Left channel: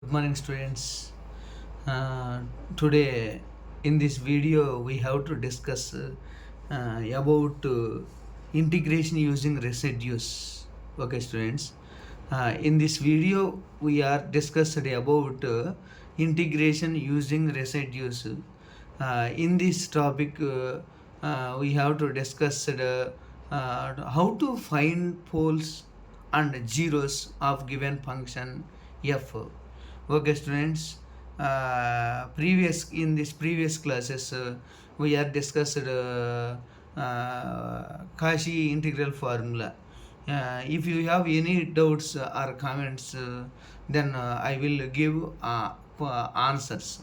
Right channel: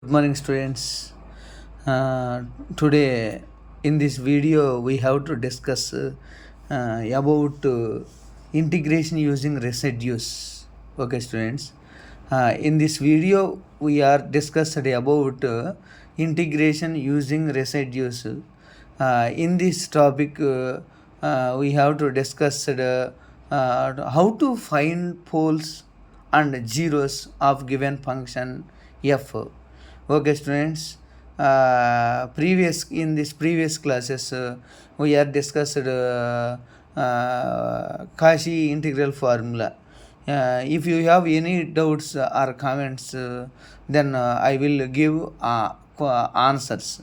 Good morning, students. Uh, Today, in this video, we have to discuss about integration using residues. Okay, students. In this video, we are discussed about integration using residues. In this topic, we have to discuss how to find poles and zeros of given function f. Okay, students. Previous in this previous classes, we have discussed Cauchy integral formula. If you have any doubts or comments, then I will give answers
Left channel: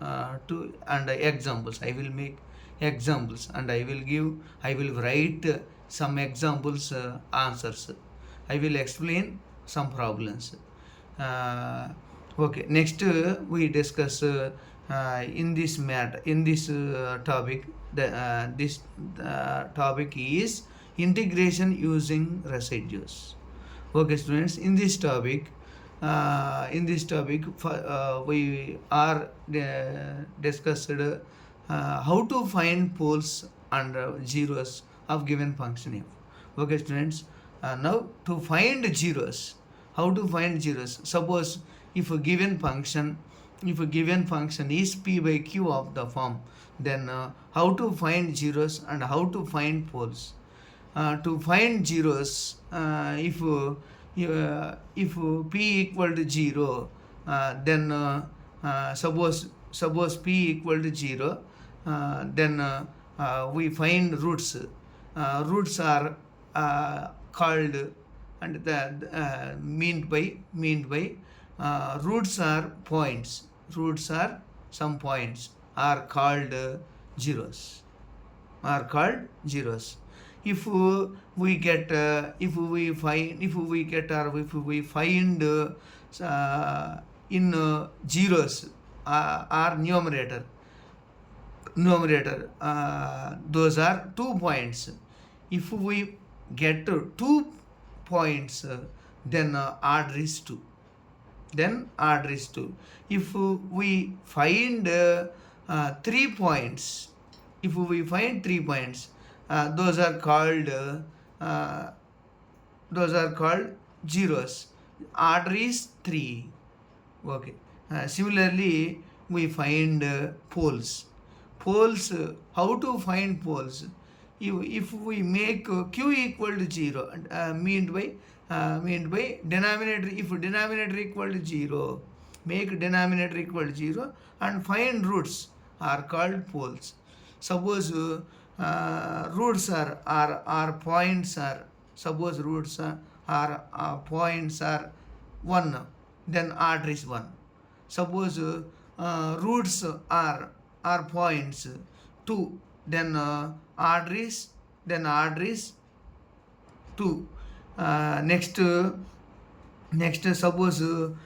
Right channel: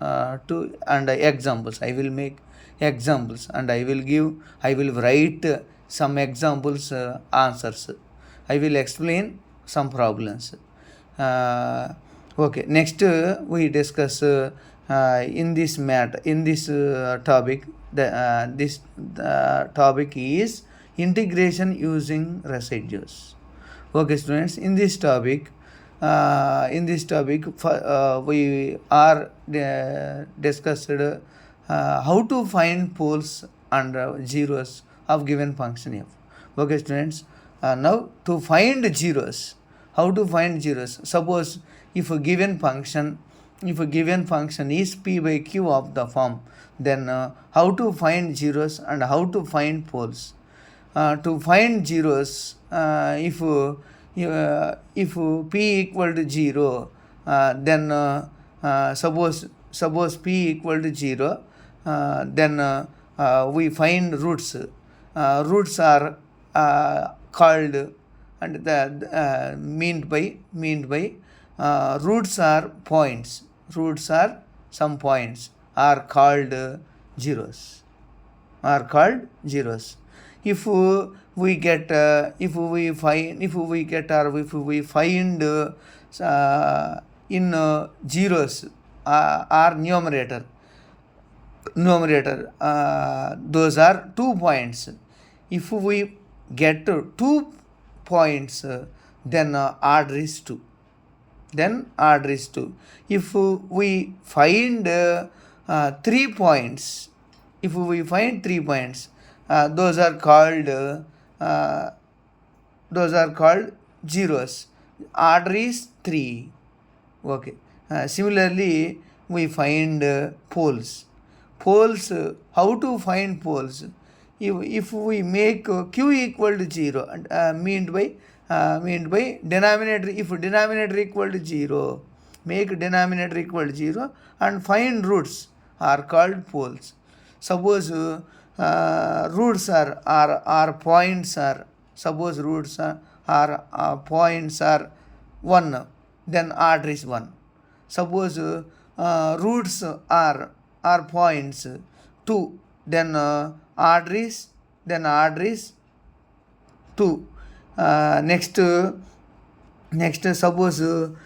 to and examples. I will make examples and I will write some examples answers. I will explain some problems. uh, okay, next we discuss in this topic. This topic is integration using residues. Okay, students, in this topic we are discussed how to find poles and zeros of given function f. Okay, students, now to find zeros, how to find zeros? Suppose if a given function is p by q of the form, then how to find zeros and how to find poles? To find zeros, if p equal to 0, then suppose p equal to 0, then we find roots. Roots are called, and the meant by roots are points. Roots are some points are called zeros. Are called zeros. If we get if we find if we get or if we find in zeros are numerator, those are 2 points. If we get 2 points, then order is 2. If we find 3 points, those are called zeros. Order is 3. Okay. Similarly, we find poles. How to find poles? If we make q equal to 0, and meant by denominator, if denominator equal to 0, make denominator equal to 0 and find roots are called poles. Suppose roots are points are suppose roots are points are 1, then order is 1. Suppose roots are points 2, then order is 2. Next, suppose 3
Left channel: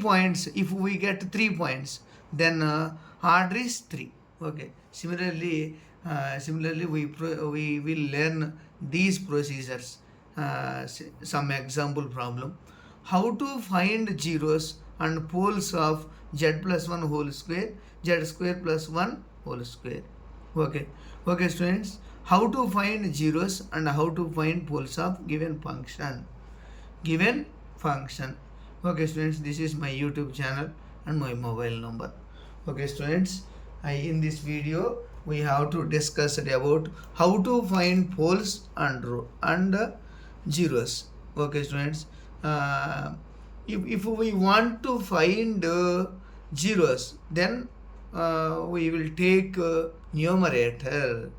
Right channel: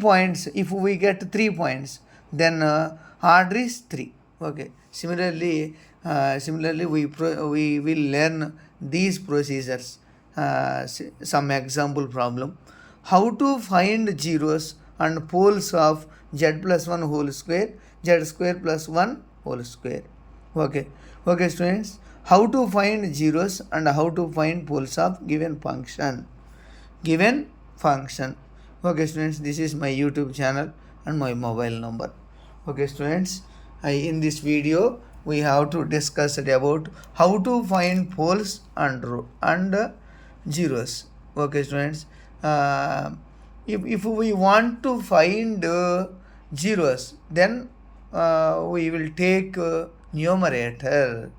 points. If we get 3 points, then order is 3. Okay. Similarly, we will learn these procedures. Some example problem: how to find zeros and poles of z plus 1 whole square, z square plus 1 whole square. Okay. Okay, students, how to find zeros and how to find poles of given function. Okay, students, this is my YouTube channel and my mobile number. Okay, students, in this video we have to discuss about how to find poles and zeros. Okay, students, if we want to find zeros, then we will take numerator.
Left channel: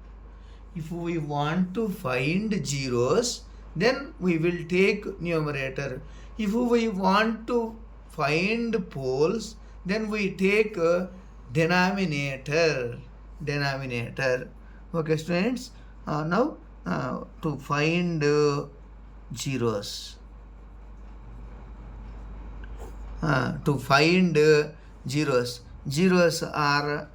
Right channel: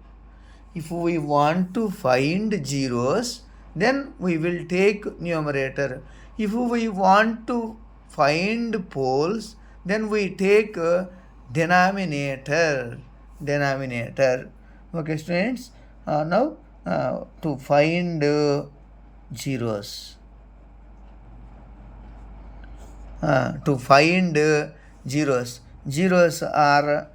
If we want to find zeros, then we will take numerator. If we want to find poles, then we take denominator. Okay, students, now to find zeros. Zeros are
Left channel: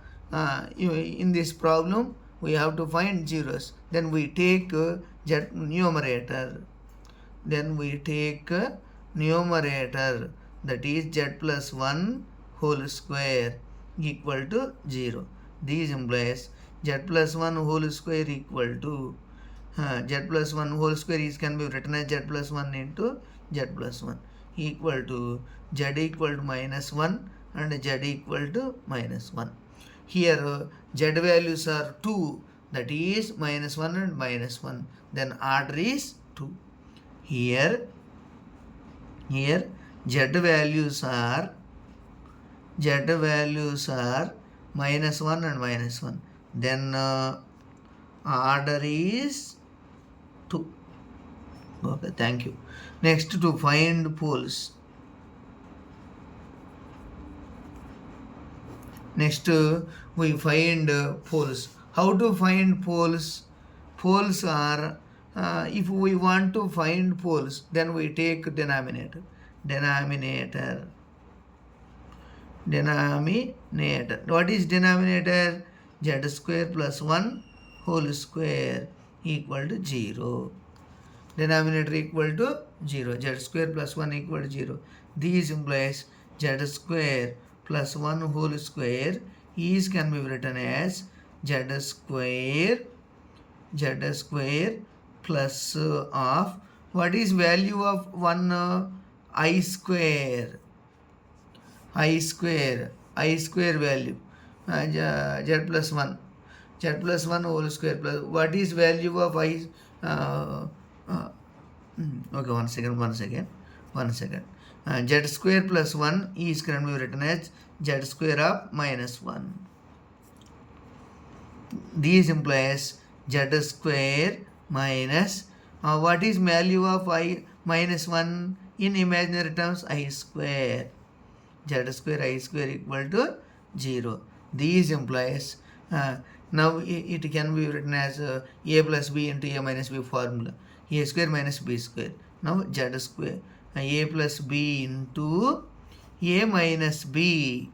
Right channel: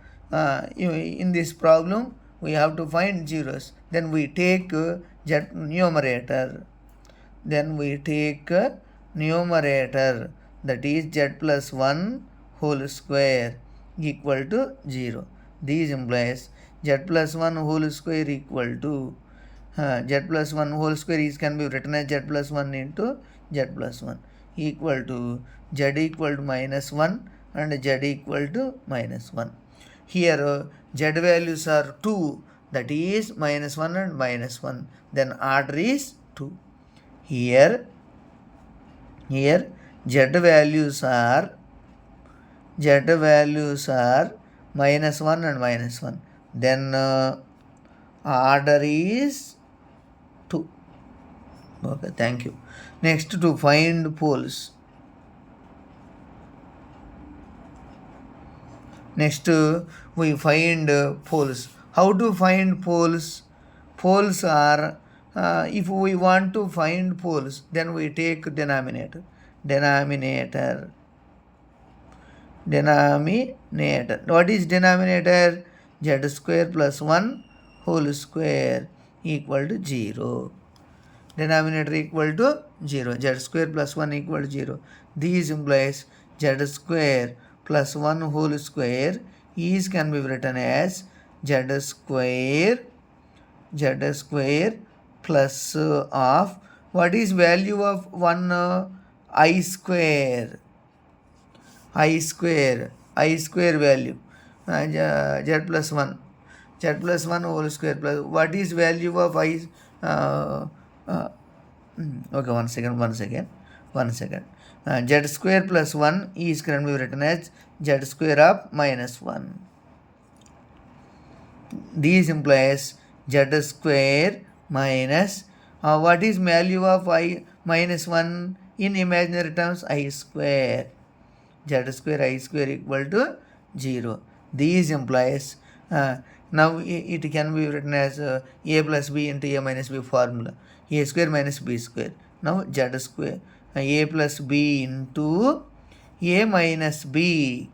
in this problem we have to find zeros. Then we take numerator. Then we take numerator, that is z plus 1 whole square equal to 0. This implies z plus 1 whole square equal to z plus 1 whole square is can be written as z plus 1 into z plus 1 equal to z equal to minus 1 and z equal to minus 1. Here z values are 2, that is minus 1 and minus 1. Then order is 2. Here z values are minus 1 and minus 1. Then order is 2. Okay, thank you. Next, to find poles. Next, we find poles. How to find poles? Poles are, if we want to find poles, then we take denominator. What is denominator? Z square plus 1 whole square equal to 0. Denominator equal to 0. Z square plus 1 equal to 0. This implies z square plus 1 whole square is can be written as z square plus of, what is value of 1 I square value, z plus 1 whole square plus, what is value of I, okay, one second, z square plus 1 is can be written as z square of minus 1. This implies z square minus, what is value of I minus 1 in imaginary terms? I square. Z square I square equal to 0. This implies, now it can be written as a plus b into a minus b formula. A square minus b square. Now z square, a plus b into a minus b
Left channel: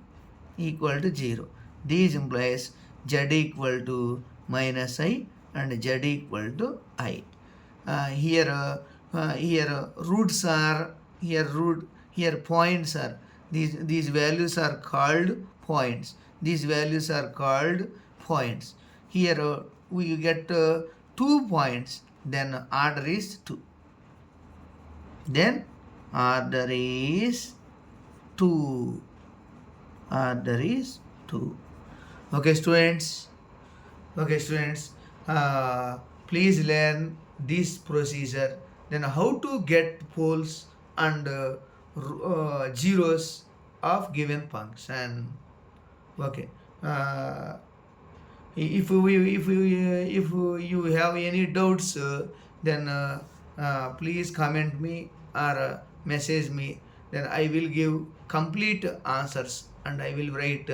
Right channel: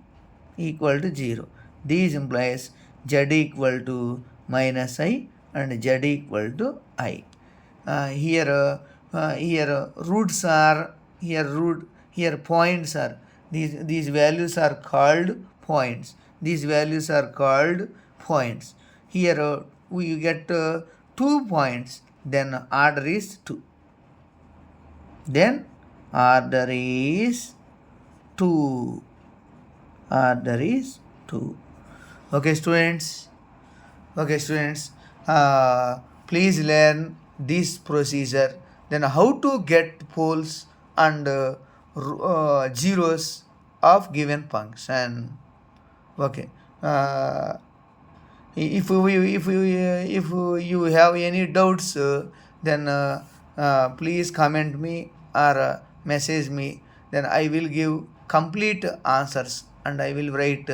equal to 0. This implies z equal to minus I and z equal to I. Here roots are, here points are, these values are called points. Here we get 2 points, then order is 2. Okay, students. Please learn this procedure. Then how to get poles and zeros of given function. Okay. If you have any doubts, then please comment me or message me. Then I will give complete answers and I will write.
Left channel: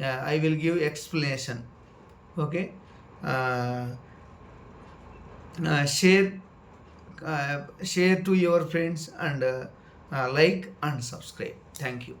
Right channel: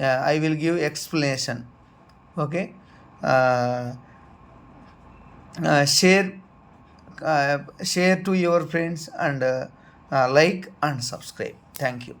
I will give explanation. Okay. Share to your friends and like and subscribe. Thank you.